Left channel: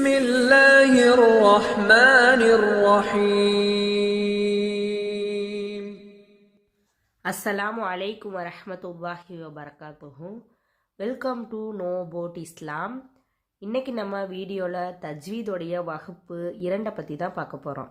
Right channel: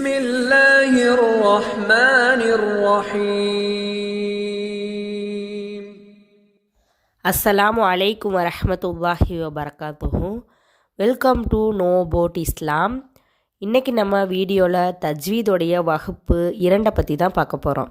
بسم الله الرحمن الرحيم. அஸ்ஸலாமு அலைக்கும் வரஹ்மத்துல்லாஹி வபரகாத்துஹு. வெல்கம் டு நோ அபவுட் இஸ்லாம். இன்றைக்கி நம்ம வீடியோவில் தஜ்வீதோடைய வகுப்பு 2 பற்றி தான் பார்க்க போகிறோம்.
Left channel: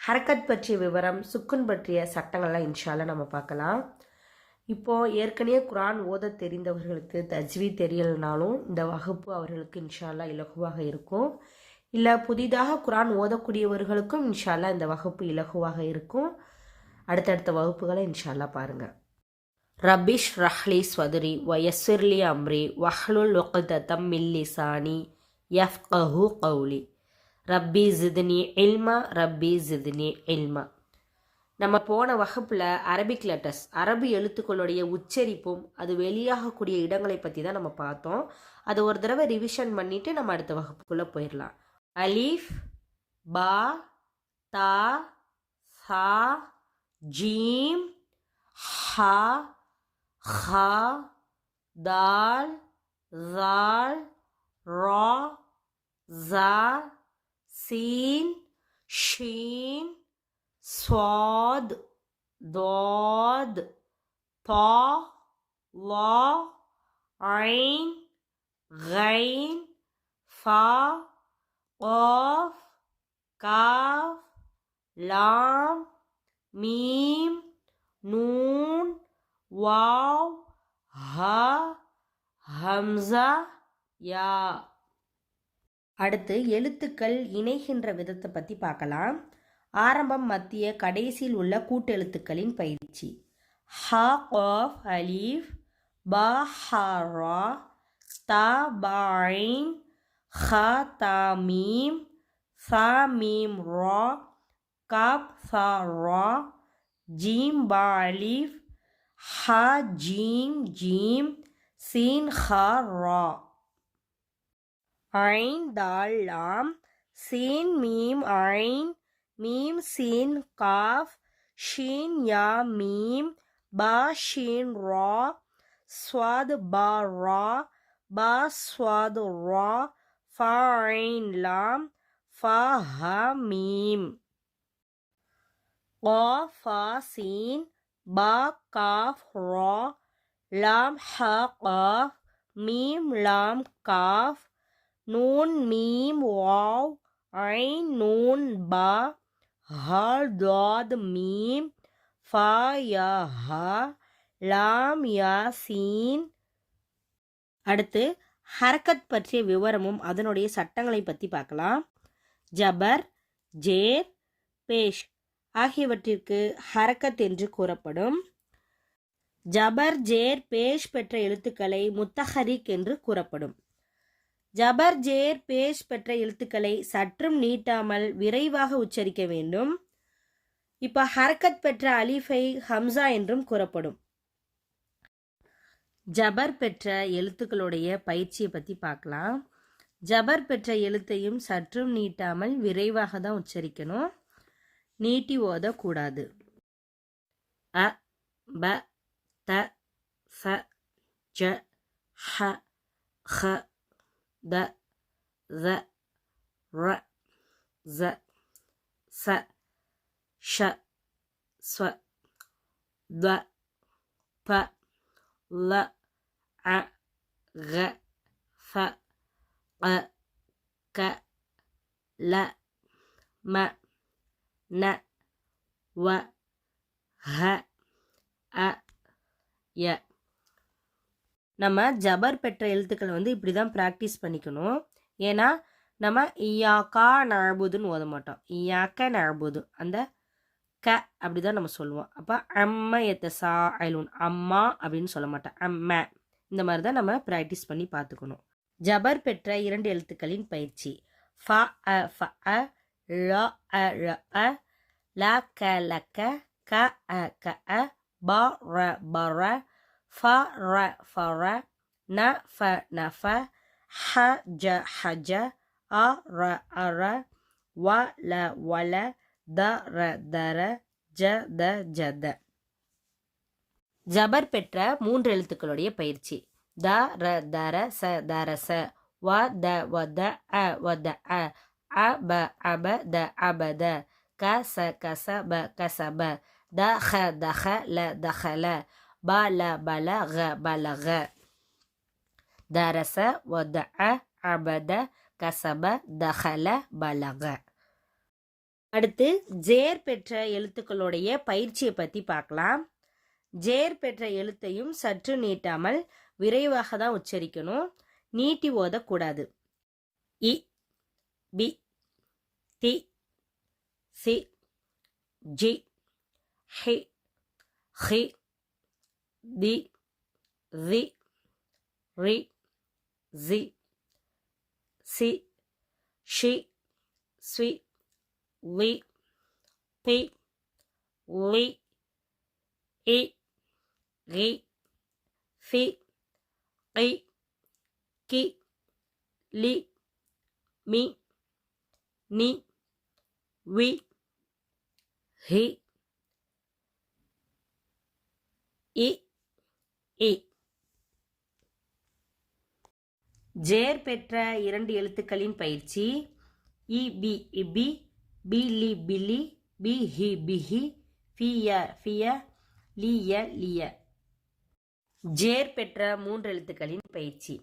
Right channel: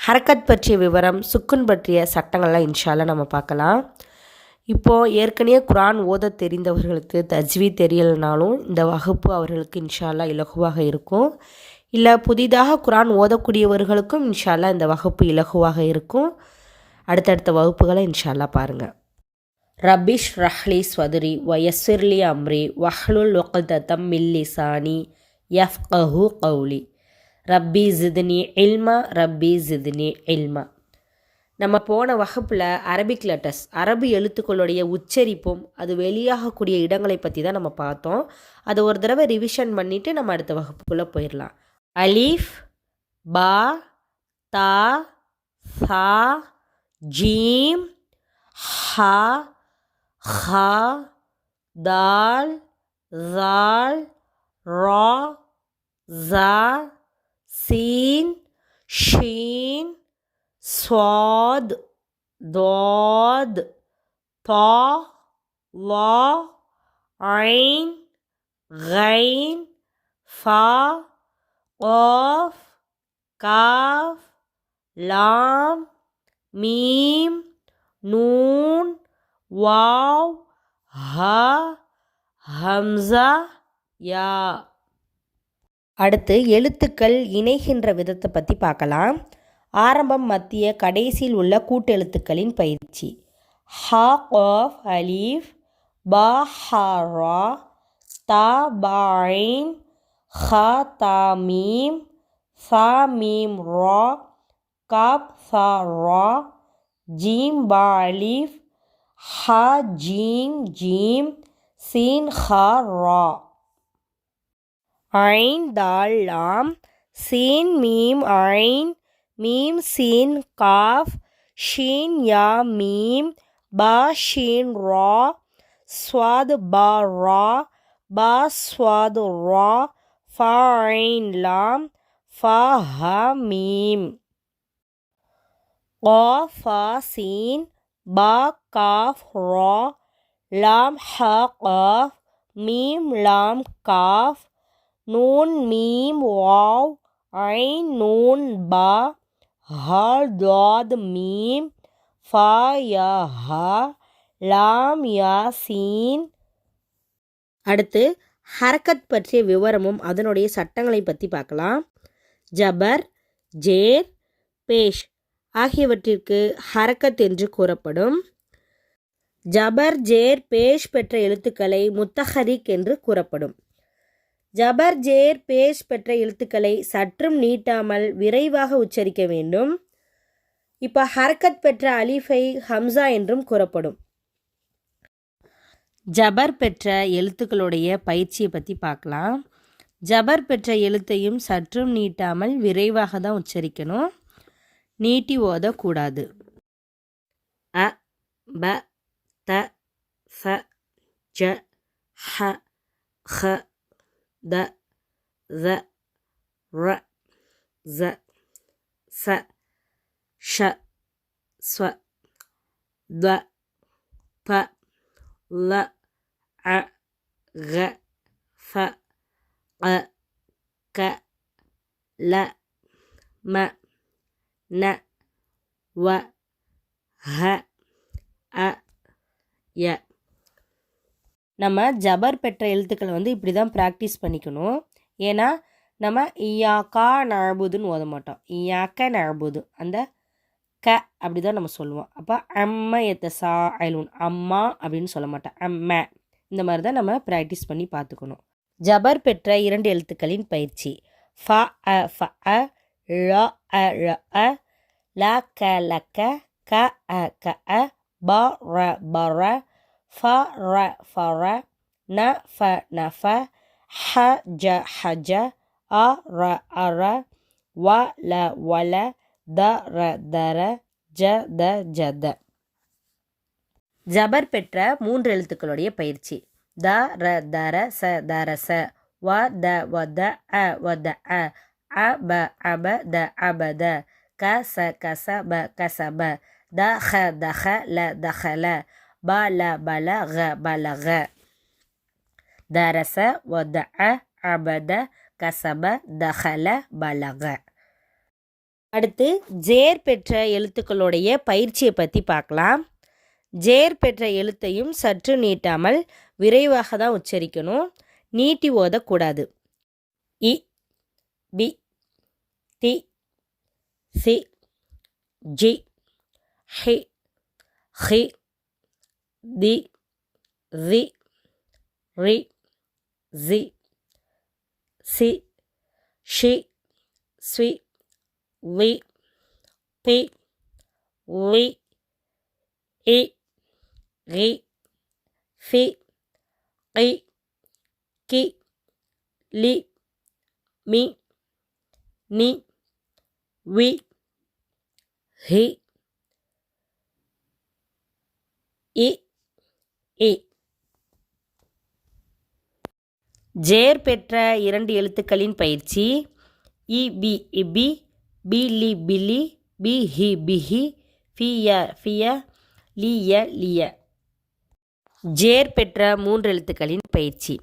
ஹரக்கத் பற்றிய விவரம், சுக்குன் பற்றிய சட்டங்கள்லாம் இன்ஷால்லாம் நம்ம பார்க்கலாம். இப்போது ஏற்கனவே குரான் ஓத தெரிந்தவர்களுக்கு தஜ்வீத் தெரியலைனாலும் இந்த வகுப்பு அவர்களுக்கு இன்ஷால்லா இலகுவாக இருக்கும். இல்லை புதிதாக குரான் ஓதக்கூடியவர்களுக்கும் இன்ஷால்லா இந்த வகுப்பு இலகுவாக இருக்கும். அடுத்தடுத்த வகுப்புகளை இன்ஷால்லா பாருங்கள். ரபிஷ் ரஹ்லி ஸ்வதுரி வயஸ்விர்லி அம்ரி வஹ்லுல் உக்ததம் மின் லிசானி யஃப்கஹு கௌலி ரப்பி ஜித்னி இல்மா ரப்பி ஜித்னி இல்மா. நம்ம போன வகுப்பில் அரபிக் லெட்டர்ஸ், அரபு எழுத்துக்களுடைய உச்சரிப்பும் அது வெளியாகக்கூடிய இடங்களை பற்றி தான் நம்ம பார்த்தோம். அதை ஒரு தடவை ரிவிஷன் பண்ணிவிட்டு நம்ம அடுத்த வகுப்புக்குள்ளே போயிடலாம். அலீஃப், பா, தா, சா, ஜீம், ஹா, ஹா, தால், ஜால், ரா, ஜா, சீன், ஷீன், स्वाद, दौद, ता, ला, ऐन, गैन, फा, क़ाफ, काफ, लाम, मीम, नून, वाव, हा, ஹம்சா, யா. அடுத்து எழுத்துக்கள் இணைகின்ற விதத்தை பற்றி பார்க்கலாம். ஆரம்பம், மத்திய, கடைசியில் உள்ள கூட்டெழுத்துக்களின் பயிற்சி. ஹா காஃப் அலீஃப், பா ஹா ரா, தா பா ஐன், ஹா தா மீம், சா மீம் ரா, காப் சா ரா, ஜீம் பா அலீஃப், ஹா ஜீம் ஜீம், சீன் ஹா ரா. ஐன் தால் லாம், சீன் மீம் ஐன், மீம் சீன் காஃப், ஷீன் யா மீம், பா ஷீன் ரா, ஸ்வாத் பா ரா, பா ஸ்வாத் ரா, ஃபா ஐன் லாம், ஃபா ஹா மீம். காஃப் ஃபா சீன், பா காஃப் ரா, லாம் ஹா காஃப், மீம் லாம் காஃப், நூன் மீம் வாவ், ஐன் நூன் பா, ஹா தாத் மீம், ஃபா யா ஹா, லாம் யா சீன். அடுத்து ஹரக்கத் பற்றிய விவரமும் அதனுடைய சட்டங்களை பற்றி பார்க்கலாம். ஜபர், ஜேர், பேஷ் ஆகியவற்றிற்கு ஹரக்கத் என்று கூறப்படும். ஜபர், ஜேர், பேஷ் பெற்ற எழுத்துக்களை முத்தஹரிக் என்று கூறப்படும். ஜபர், ஜேர், பேஷ் பெற்ற எழுத்துக்களை சற்றும் நீட்டாமல் விரைவாக உச்சரிக்க வேண்டும். இப்போ ஹரக்கத் பெற்ற அலிஃபை ஹம்சா என்றும் கூறப்படும். ஜபர் பெற்ற எழுத்துக்களுடைய பயிற்சியை பற்றி பார்க்கலாம். ஜபர் பெற்ற எழுத்தையும் சற்றும் நீட்டாமல் விரைவாக தான் உச்சரிக்கணும், நீட்டி ஓதக்கூடாது. அ, ப, த, ஃப, ஜ, ஹ, ஹ, த, த, ர, ஸ, ச, ஷ, ஸ்வ, த, ப, ல, அ, க, ஃப, அ, க, ல, ம, ந, வ, ஹ, அ, ய. நம்ம ஜபர் பெற்ற எழுத்துக்கள் இப்படி தான் ப்ராக்டிஸ் பண்ணிக்கணும். ஏன்னா நம்ம இயாக்கா நழுபுதுன்னு ஓத மாட்டோம். இயாக்க நழுபுது அந்த க அப்படி தான் நம்ம சொல்லுவோம். அப்போ அம்ம எத்தசா ஐலூன், அம்மா அப்படின்னு சொல்ல மாட்டோம், அம்ம. இந்த மாதிரி தான் நம்ம ப்ராக்டிஸ் பண்ணி பார்த்துக்கணும். ஜபர் பெற்ற 2 எழுத்துக்களின் பயிற்சி. ஃப அ ஃப அ, ழ அ ழ அ, ல க ல க, க அ க அ, ப ர ப ர, ஃப ர ஃப ர, ந ஃப ந ஃப, ஹ ஜ ஹ ஜ, அ ர அ ர, வ ல வ ல, த ர த ர, ஜ த ஜ த. ஜபர் பெற்ற 3 எழுத்துக்களுடைய பயிற்சி. த ர த ர ச த ர ச, வத அபத அபத கசப கசப தஹல பலக பலக தரச வத அபத கசப தஹல பலக. அடுத்து ஜேர் பெற்ற எழுத்துக்களுடைய பயிற்சியை பற்றி பார்க்கலாம். ஜேர் பெற்ற எழுத்தையும் சற்று நீட்டாமல் விரைவாக தான் உச்சரிக்கணும், நீட்டி ஓதக்கூடாது. இ பி தி சி ஜி ஹி ஹி தி ரி ரி ஜி சி ஷி ஸ்வி வி பி வி இ ரி ஃபி ஐ கி லி மி நி வி ஹி இ இ. ஜேர் பெற்ற 2 எழுத்துக்களின் பயிற்சி. இ பி இபி, பிலி பிலி, பிஹி பிஹி, ஃபிய ஃபிய, லிய லிய. ஜேர் பெற்ற 3 எழுத்துக்களின் பயிற்சி.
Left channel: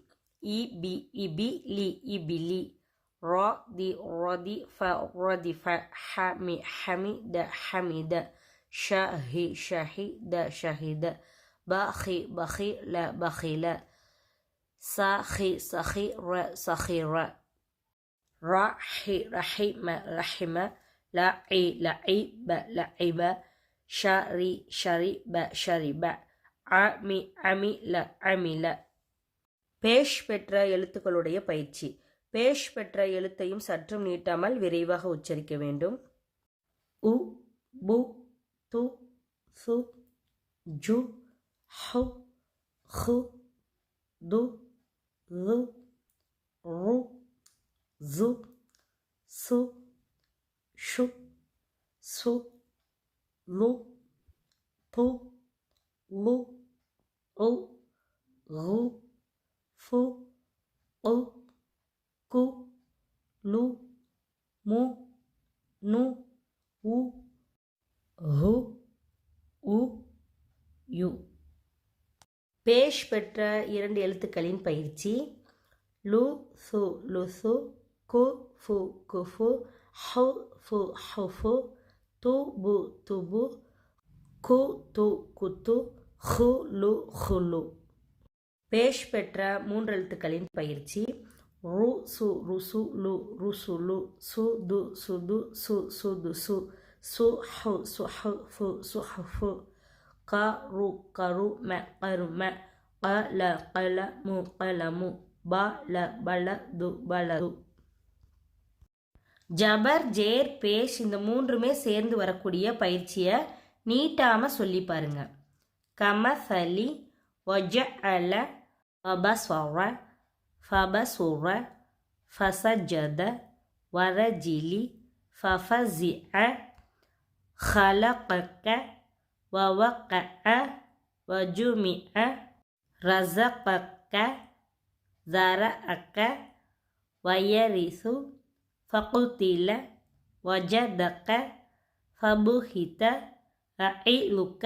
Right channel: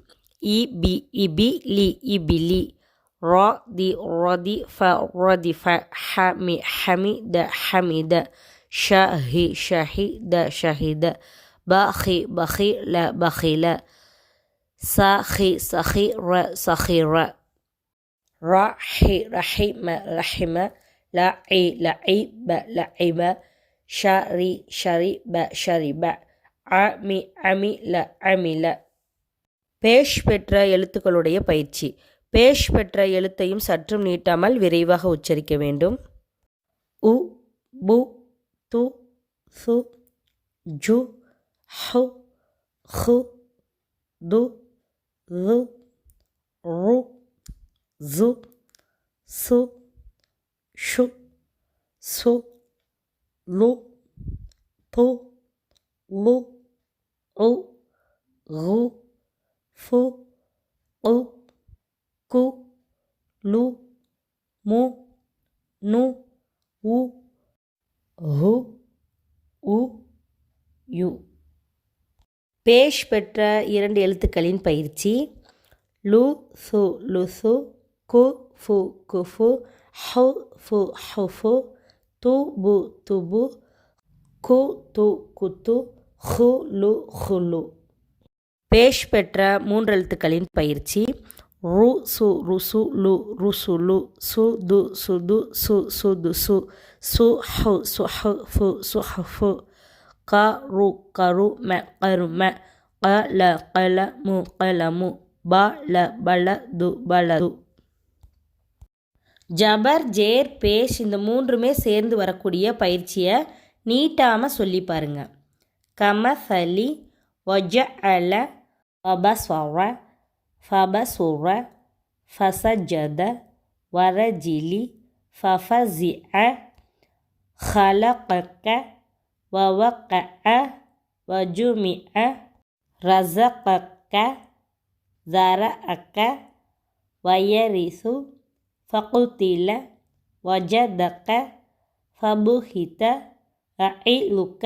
இ பி இபி, லி இபிலி, ரா தி ரதி, ஃப ரதி ஃப, ஹமி ஹமித ஹமித, ஷஹி ஷஹித ஷஹித, பஹி பஹில பஹில, சஹி சஹிர சஹிர, ரஹி ரஹிம ரஹிம, லஇ லஇப லஇப, ஷரி ஷரிப ஷரிப, அமி அமில அமில. பேஷ் பெற்ற எழுத்துக்களுடைய பயிற்சி. பேஷ் பெற்ற எழுத்தையும் சற்றும் நீட்டாமல் விரைவாக உச்சரிக்க வேண்டும். உ பு து சு ஜு ஹு ஹு து ரு ரு ஜு சு ஷு சு லு து லு உ ரு ஃபு உ கு லு மு நு உ ஹு உ யு. பேஷ் பெற்ற 2 எழுத்துக்களின் பயிற்சி. லு சு லுசு, கு ஃபு குஃபு, ஹு ஃபு ஹுஃபு, து பு துபு, கு து குத்து, ஹு லு ஹுலு. பேஷ் பெற்ற 3 எழுத்துக்களின் பயிற்சி. ரு சு ருசு லு ருசுலு, சு து சுது சு சுதுசு, சு ஹு சுஹு ஃபு சுஹுஃபு, கரு கரும கரும, கல கலமு கலமு, பல பலது பலது. ஜபர் ஜேர் பேஷ் இந்த 3மே சேர்ந்து வரக்கூடிய பயிற்சியை நீட்டாமல் சொல்லி பாருங்க. கமசலி வஜஅல வபஸ்வர ஃபபசுர ஃபசஜத வரஜிலி ஃபஃபஸிஅ خلقك ووقع وجمع رزقك زرعك ويرث فقتل وجدك فبهت أعلك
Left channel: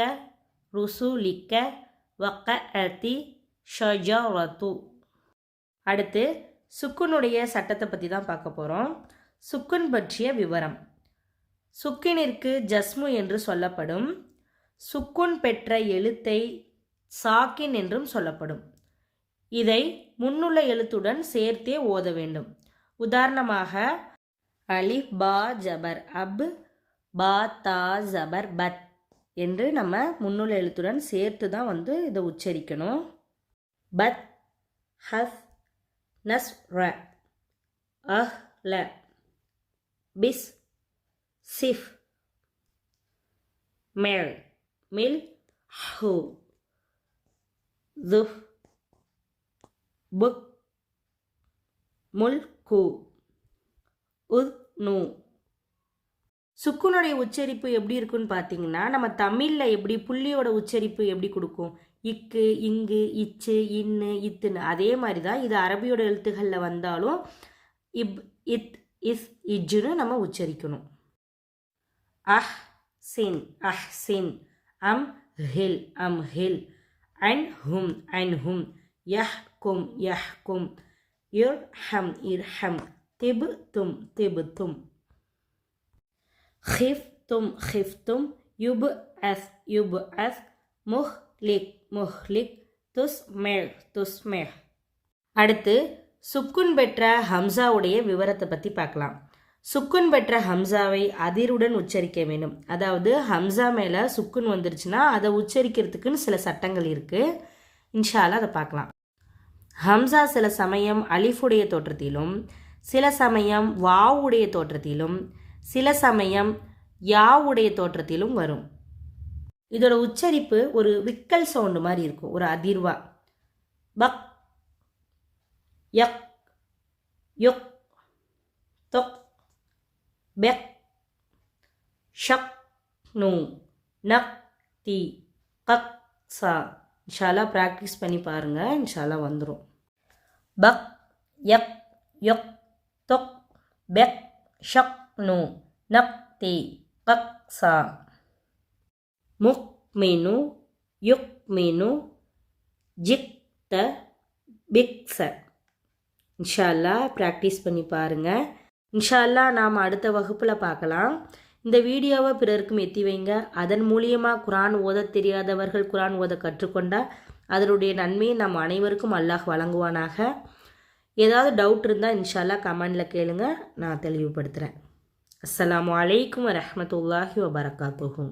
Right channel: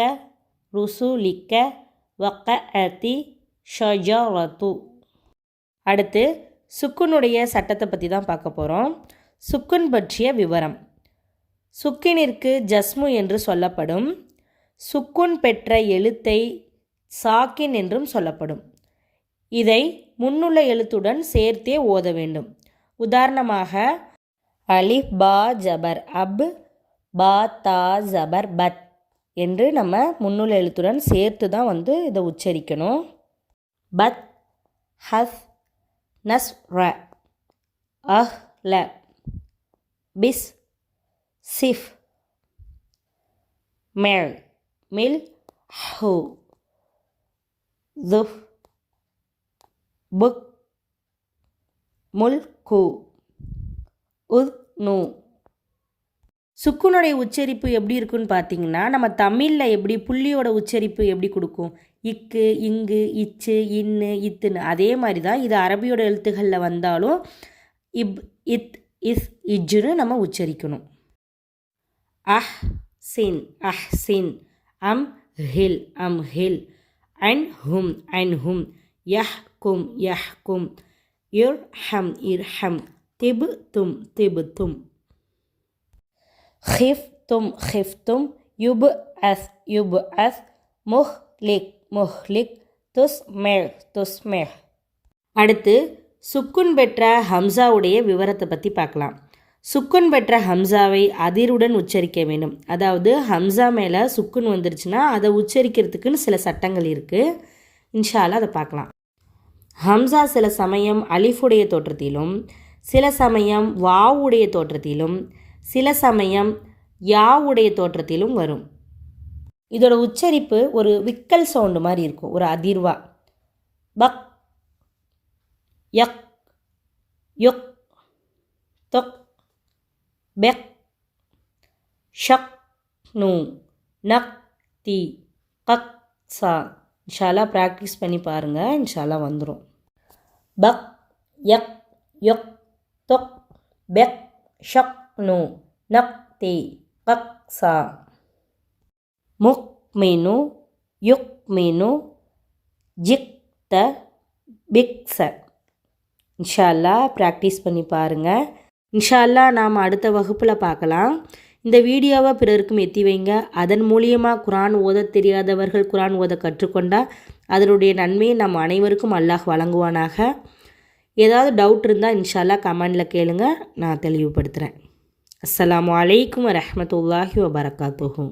رسولك وقعت شجرة. அடுத்து சுக்குனுடைய சட்டத்தை பற்றி தான் பார்க்க போகிறோம். சுக்குன் பற்றிய விவரம். சுக்கினிற்கு ஜஸ்மு என்று சொல்லப்படும். சுக்குன் பெற்ற எழுத்தை சாக்கின் என்றும் சொல்லப்படும். இதை முன்னுள்ள எழுத்துடன் சேர்த்தே ஓத வேண்டும். உதாரணமாக அலிஃப் பா ஜபர் அப், பா தா ஜபர் பத் என்று நம்ம முன்னுள்ள எழுத்துடன் சேர்த்து தான் இதை உச்சரிக்கணும். பத் ஹஸ் நஸ் ர அஹ் ல பிஸ் சிஃப் மெல் மில் ஹூ துஃப் புக் முல் கு உத் நூ. சுக்குனுடைய உச்சரிப்பு எப்படி இருக்குன்னு பார்த்தீங்கன்னா, நம்ம தமிழில் எப்படி புள்ளியோட உச்சரிப்பு எப்படி கொடுக்கும், இக்கு இங்கு இச்சு இன்னு இத்துன்னு. அதே மாதிரி தான் இது அரபியோட எழுத்துக்களில் வந்தாலும் இப் இத் இஸ் இஜ்ஜுன்னு நம்ம உச்சரிக்கணும். அஹ் சின் அம் ஹில் அன் ஹும் யஹ்கும் இர்ஹம் திபுத்தும் خفتم يبعث முஹ்லிக் துஸ்மிர். அடுத்து சுக்குன் பெற்ற ஹம்சாவுடைய விவரத்தை பற்றி பார்க்கலாம். சுக்குன் பெற்ற ஹம்சாவை அதிருடன் உச்சரிக்க வேண்டும். அதாவது ஹம்சா மேலே சுக்குன் வந்துருச்சுன்னா அதை உச்சரிக்கிறதுக்குன்னு சில சட்டங்கள் இருக்குது. இன்ஷா அல்லாஹ் அதை பார்க்கலாம். ஹம்சா சில சமயம் அலிஃபுடைய தோற்றத்திலும், சில சமயம் வாவுடைய தோற்றத்திலும், சில சமயம் யாவுடைய தோற்றத்திலும் வரும். இதோட உச்சரிப்பு ஒரு விக்கல் சவுண்டு மாதிரி இருக்கும், ஒரு அதிர்வா. பக் யக் யுக் தொக் பெக் ஷக் நூ நக் தி கக் சா. இன்ஷால்லா ப்ராக்டிஸ் பண்ணி பாருங்கள், இன்ஷால்லா வந்துடும். பக் யக் யுக் தொக் பெக் ஷக் நூ நக் தி கக் சா. முக்மினு யுக்மினு ஜிக்த பிக்ஸ. இன்ஷா அல்லாஹ் ப்ராக்டிஸ் பண்ணி பாருங்கள். இன்ஷா அல்லாஹ் நாம் அடுத்த வகுப்பில் பார்க்கலாம். இந்த வீடியோவை பிறருக்கும் எத்தி வைங்க. அதன் மூலியமாக குரான் ஓத தெரியாதவர்கள் குரான் ஓத கற்றுக்கொண்டால் அதனுடைய நன்மையை நம் அனைவருக்கும் அல்லாஹ் வழங்குவானாக. ஏதாவது டவுட் இருந்தால் இன்ஷா அல்லாஹ் கமெண்டில் கேளுங்க, நான் தெளிவுபடுத்துகிறேன். அஸ்ஸலாமு அலைக்கும் வரஹ்மத்துல்லாஹி வபரகாத்துஹு.